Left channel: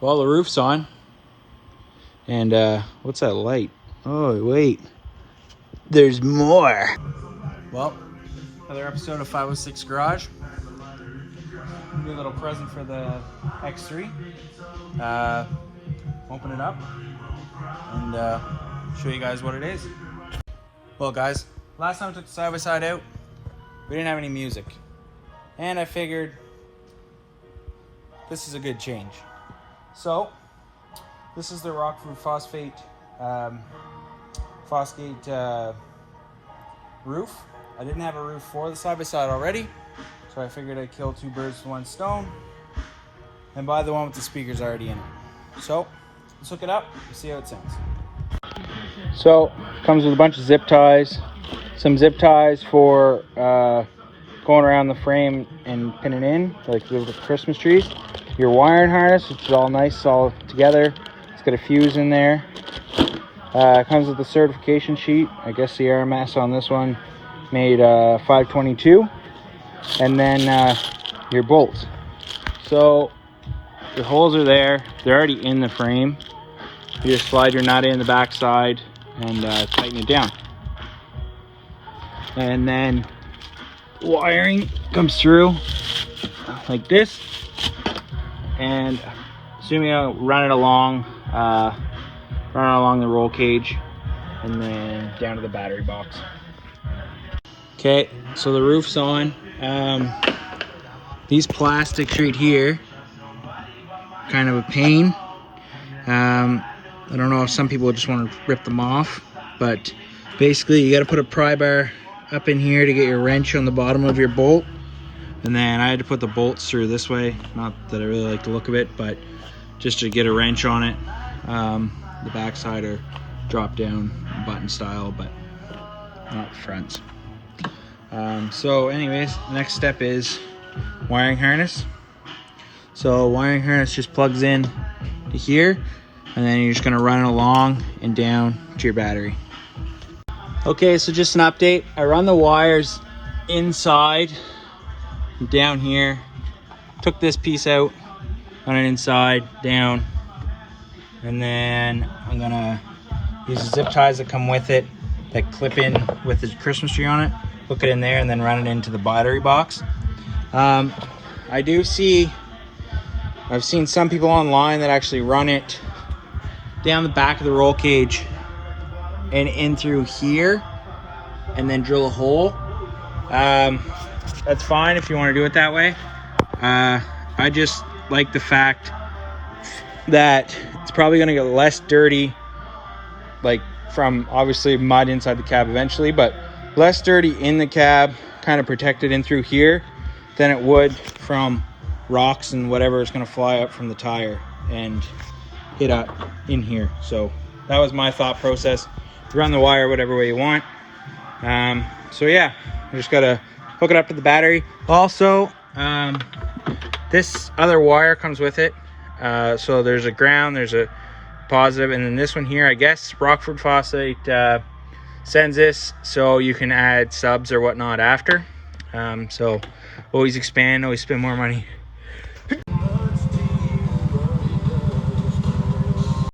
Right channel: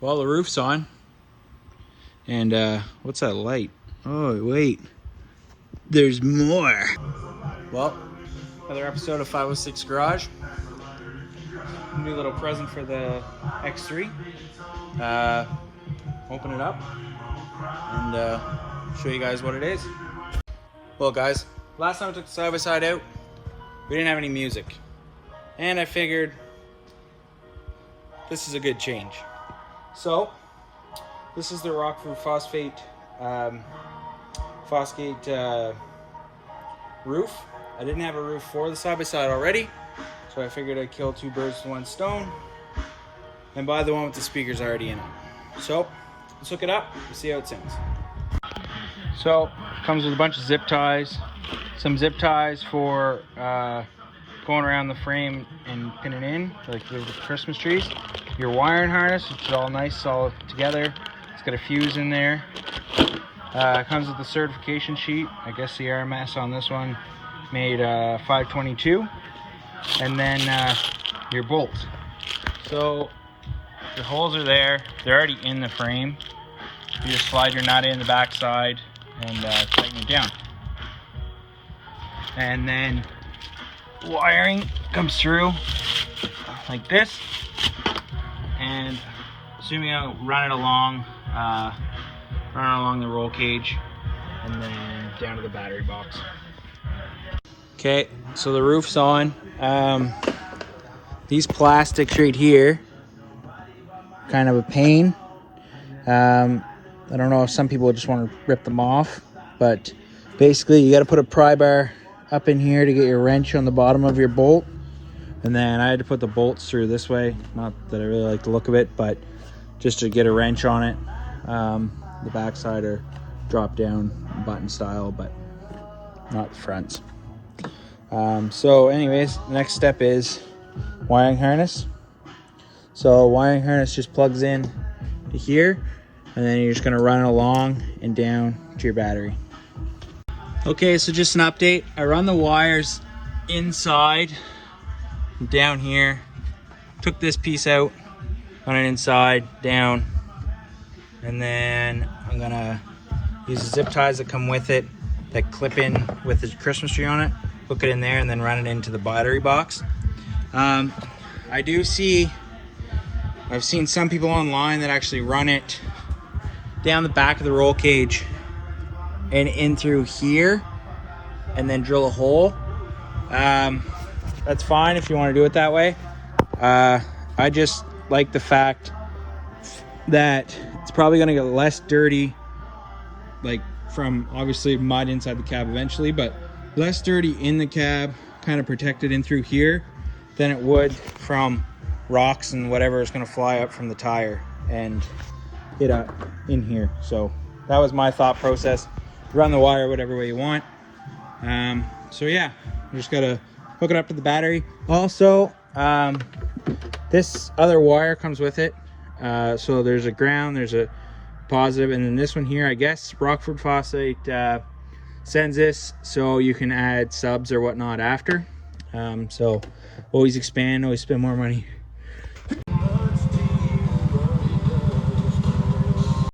Well, the roof's on. And what's that light? Oh, wait. There's more. Well, another episode of 506 Garage. New little present for the X3. Open it up and show you guys what it is. Well, guys, last time I took the side-by-side out, we didn't have any music. And I figured this is a good change. So, this is the Rockford Phosphate roof. I didn't have a roof for the side-by-side already, so I figured I'd kill two birds with one stone and buy the one with the speakers already in it. So, let's hook it up and see how it sounds. So, it comes with a bunch of zip ties, some zip ties for going around the frame and pinning in, like with the Christmas trees. Your wiring harness, which is all nice, all together. It's got a fuse in there. It comes with the certification sheet. I guess the RMS on this one made 522. And then your bolts. So the holes are there. They're already in the frame. You just slide your nut in the back side and tighten it down. And then wiring comes through like this. And assuming I'll run it along the roll cage and then down to the battery box. Okay, so the roof's on. These plastics right here, kind of a pain. I don't know if some people just want to rip them off, but basically you got to put a pry bar up in here to get your wrench on the bottom of your bolt. And then I had to put the bolts through this way. Not that I really like the look of it, but just to get a wrench on it. The backside are drop down button style, but not the fronts. So anyways, the next step is wiring harness. So wiring harness just plugs in to here, and then you're just gonna run it along and down to your battery. Okay, so just an update. I run the wires inside, down here, took this piece out, run it inside, down, and then I'm gonna use the zip ties that come with it that clip in with the Christmas tree on it, hook it in there, and then run it into the battery box. I've seen some people online that actually run it down the back of the roll cage and in through here and then drill a hole. That's fine if you want to do it that way. I just like the fact that it's probably going to get less dirty, like from obviously mud inside the cab eventually, but less dirty in the cab, kind of protected in through here, than it would from rocks and whatever is going to fly up from the tire and hit up in here. So that was my thought process. Run the wire whatever way you want. So yeah, you just got to hook it up to the battery. Also, this other wire comes with it. So there's a ground, there's a positive, and then this one here, I guess Rockford Phosphate sends this so you can add subs or whatnot after. So always expand, always spend more money.